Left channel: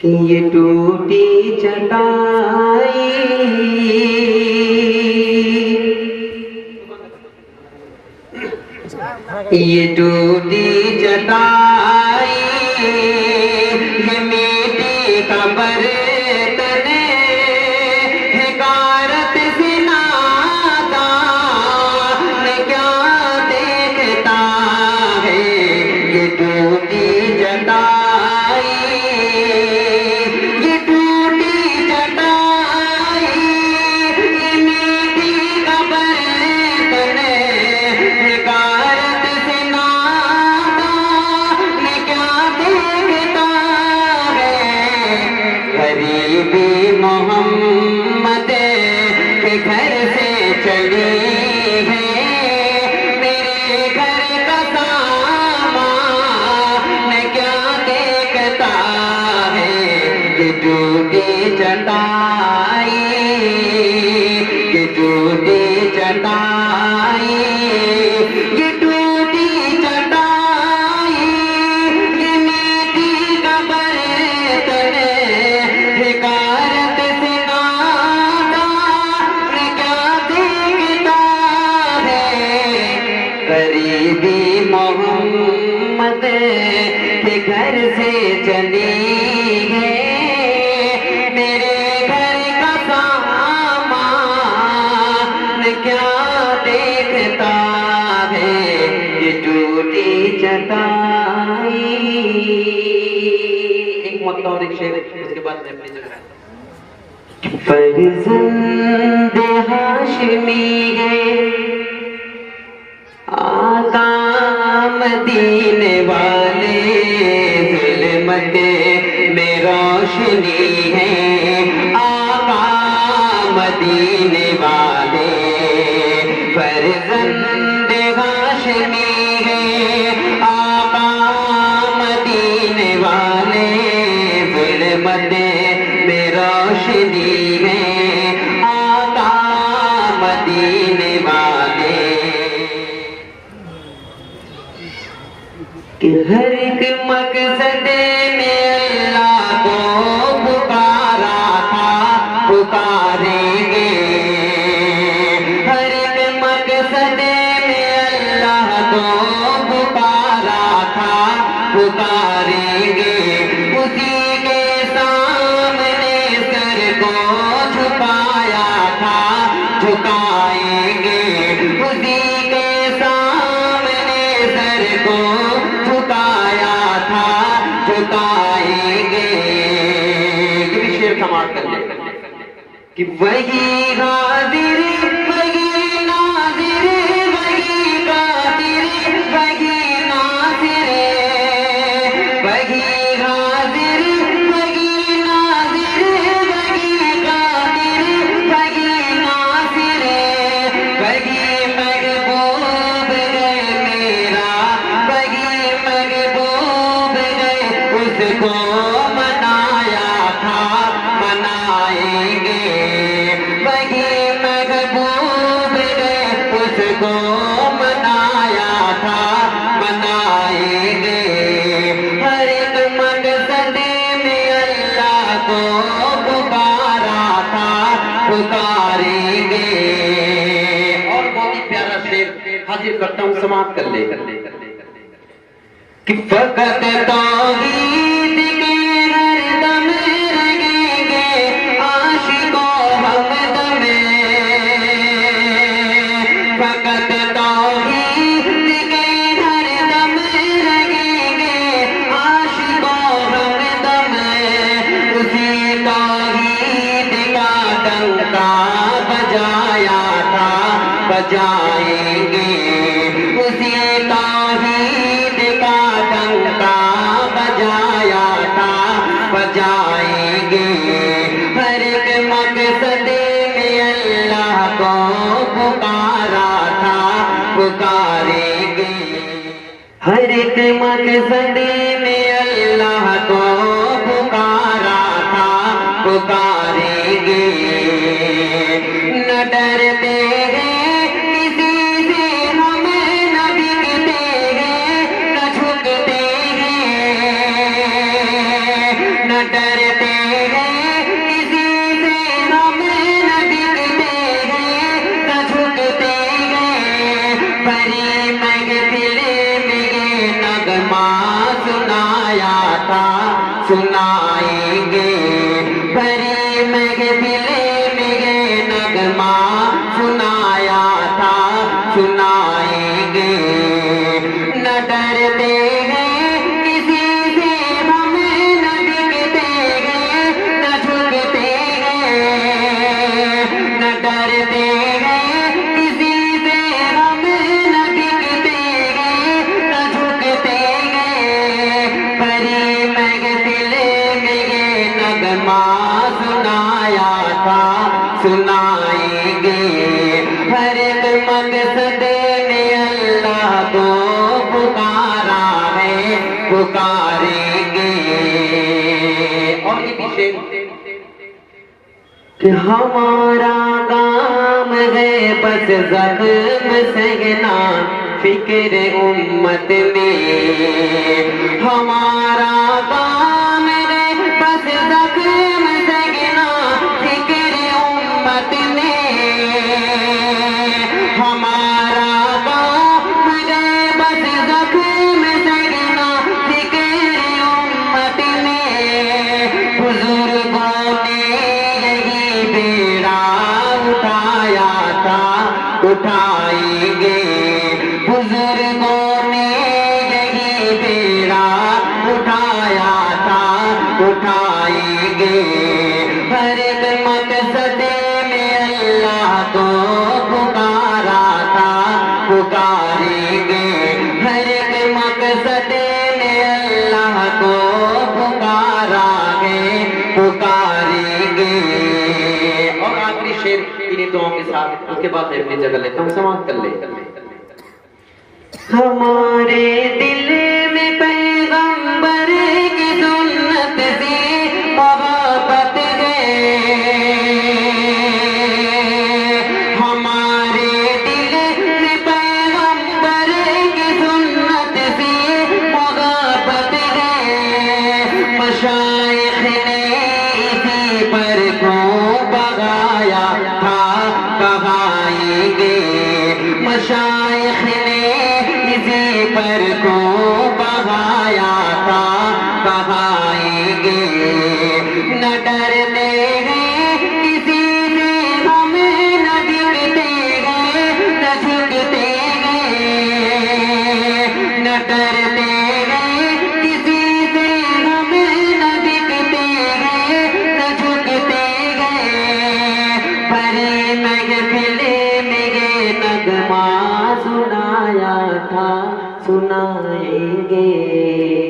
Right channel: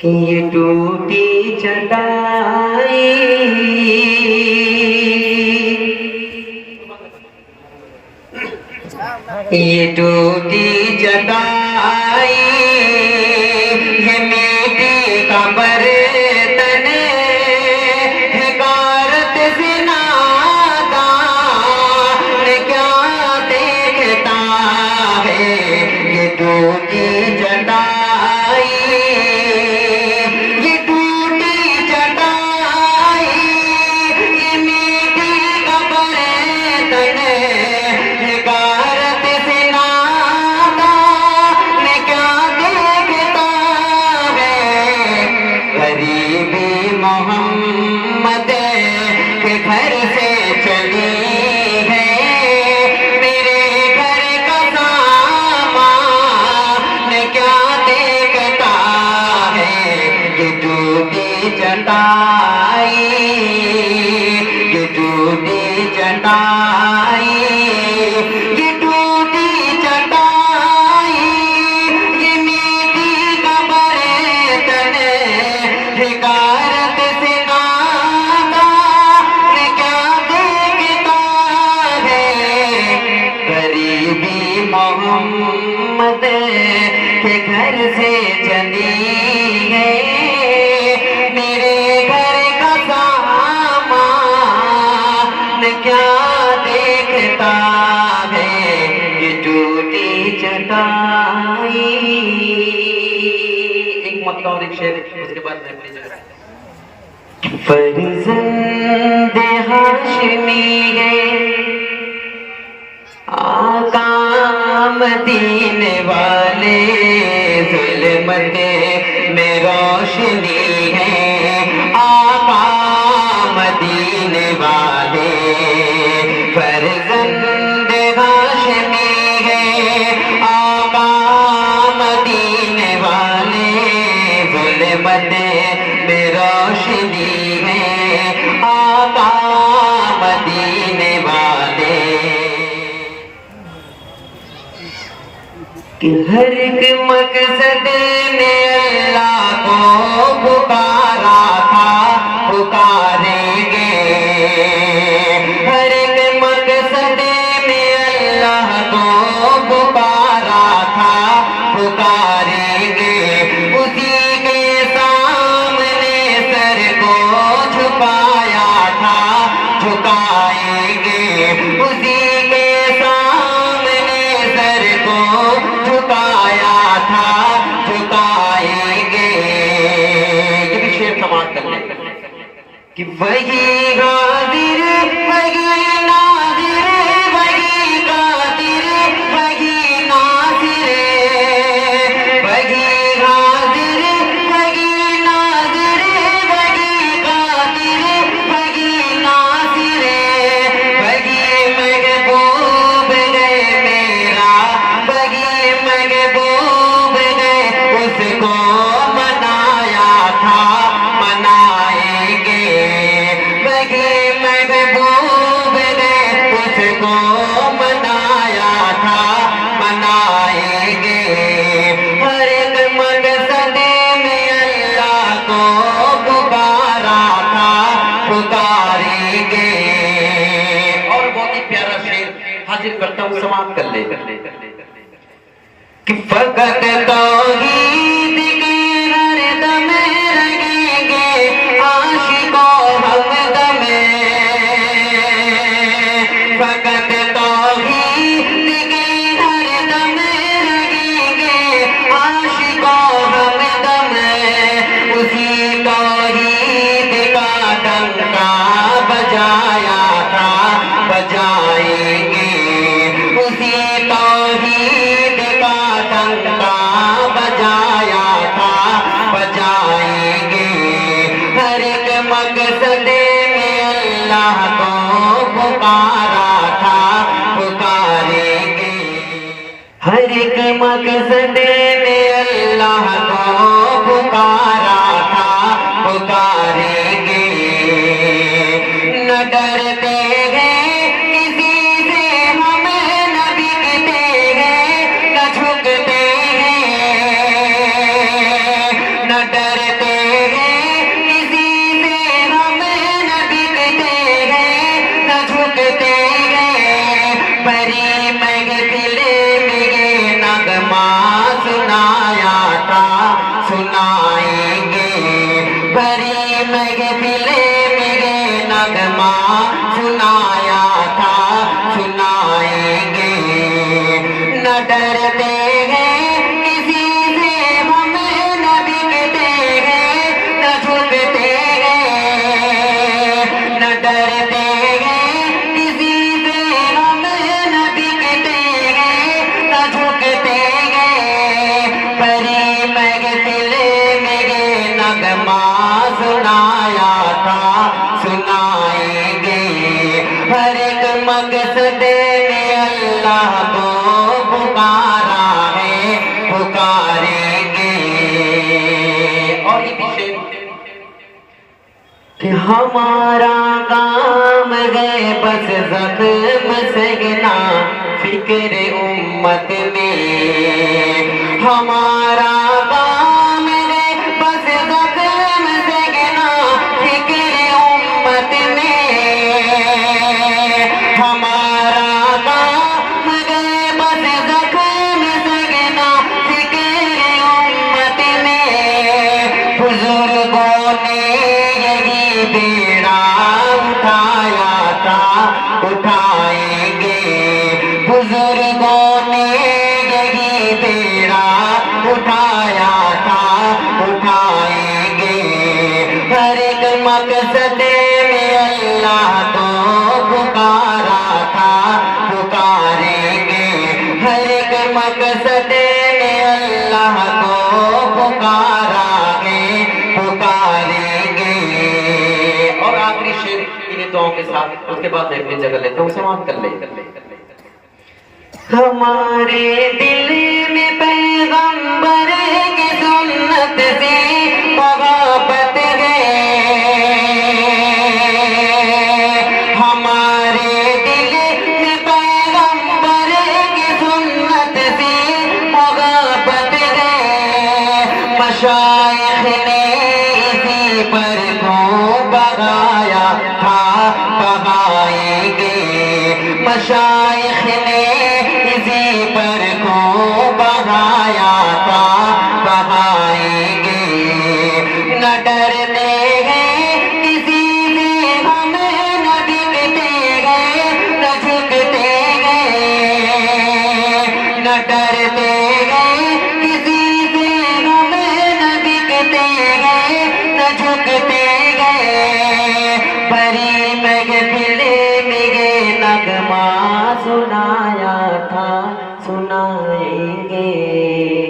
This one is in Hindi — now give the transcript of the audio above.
कि ये टूटी चटाई ये टूटी चटाई ये मीठी खबर तने हिकारत सिनाता मैं क्या देखता है ये टूटी चटाई ये टूटी चटाई ये मीठी खबर तने हिकारत सिनाता मैं क्या देखता है गरीबी मोहम्मद के घर से चली है मेरे घर का सामान क्या देखता है ये टूटी चटाई ये टूटी चटाई ये टूटी चटाई ये मीठी खबर तने हिकारत से नाता मैं क्या देखता है गरीबी मोहम्मद के घर से चली है मेरे घर का सामान क्या देखता है ये टूटी चटाई। एक मतलब और एक शेर उसके बाद मैं अपनी जगह फर्जंद हाशमी है आका मदीने वाले ज़ुल्मत में रोशनी है आका मदीने वाले फर्जंद हाशमी है आका मदीने वाले ज़ुल्मत में रोशनी है आका मदीने वाले कि हर एक मकसद ने अल्लाह को पुकारा था पुकारेंगे हर एक मकसद ने अल्लाह को पुकारा था पुकारेंगे उसी के सामने सर को झुकाया था झुकाएंगे उसी के सामने सर को झुकाया था झुकाएंगे। ये भी शेर समाप्त कर ले कि वही हाजिर वही नाजिर वही कादिर वही नासिर वही हाजिर वही नाजिर वही कादिर वही नासिर वही महबूब गए मेरा वही महबूब गए उसको मनाया था मनाएंगे वही महबूब गए उसको मनाया था मनाएंगे हर एक मकसद में अल्लाह को पुकारा था पुकारेंगे। और बहुत ही प्यारा शेर हाजिर करता हूँ समाप्त कर ले कि फकत तौहीद के हर दम रहेंगे आशिको हमदम फकत तौहीद के हर दम रहेंगे आशिको हमदम उसी तौहीद का डंका बजाया था बजाएंगे उसी तौहीद का डंका बजाया था बजाएंगे हर एक मकसद में अल्लाह को पुकारा था पुकारेंगे हर एक मकसद में अल्लाह को पुकारा था पुकारेंगे न डरते हैं किसी से हम न बिकते हैं न झुकते हैं न न डरते हैं किसी से हम, न बिकते हैं न झुकते हैं। परी महफिले में ये नगमा सुनाया था, सुनाएंगे। परी महफिले में ये नगमा सुनाया था, सुनाएंगे। न डरते हैं किसी से हम, न बिकते हैं न झुकते हैं। न डरते हैं किसी से हम, न बिकते हैं न झुकते हैं। परी महफिले में ये नगमा सुनाया था, सुनाएंगे। हर एक मकसद में अल्लाह को पुकारा है, पुकारेंगे। और ये पीछे कि हमारा काम है बस जख्म सहना फिक्र उम्मत में। हमारा काम है बस जख्म सहना फिक्र उम्मत में। हमारा काम है बस जख्म सहना फिक्र उम्मत में। बुजुर्गों ने यही बेड़ा उठाया था, उठाएंगे। बुजुर्गों ने यही बेड़ा उठाया था, उठाएंगे। हर एक मकसद में अल्लाह को पुकारा था, पुकारेंगे। हर एक मकसद में अल्लाह को पुकारा है, पुकारेंगे। और आखिरी शेर इन्हीं दुआओं के साथ, उसके बाद मैं अपनी जगह लेता हूँ, समाप्त कर ले। हमारे दिल में पैगंबर की सुन्नत से मोहब्बत है। हमारे दिल में पैगंबर की सुन्नत से मोहब्बत है। मशाइख ने इसी पर को बगाया था, बगाएंगे। मशाइख ने इसी पर को बगाया था, बगाएंगे। न डरते हैं किसी से हम, न बिकते हैं न झुकते हैं। न डरते हैं किसी से हम, न बिकते हैं न झुकते हैं। परी महफिले में ये नगमा सुनाया था, सुनाएंगे।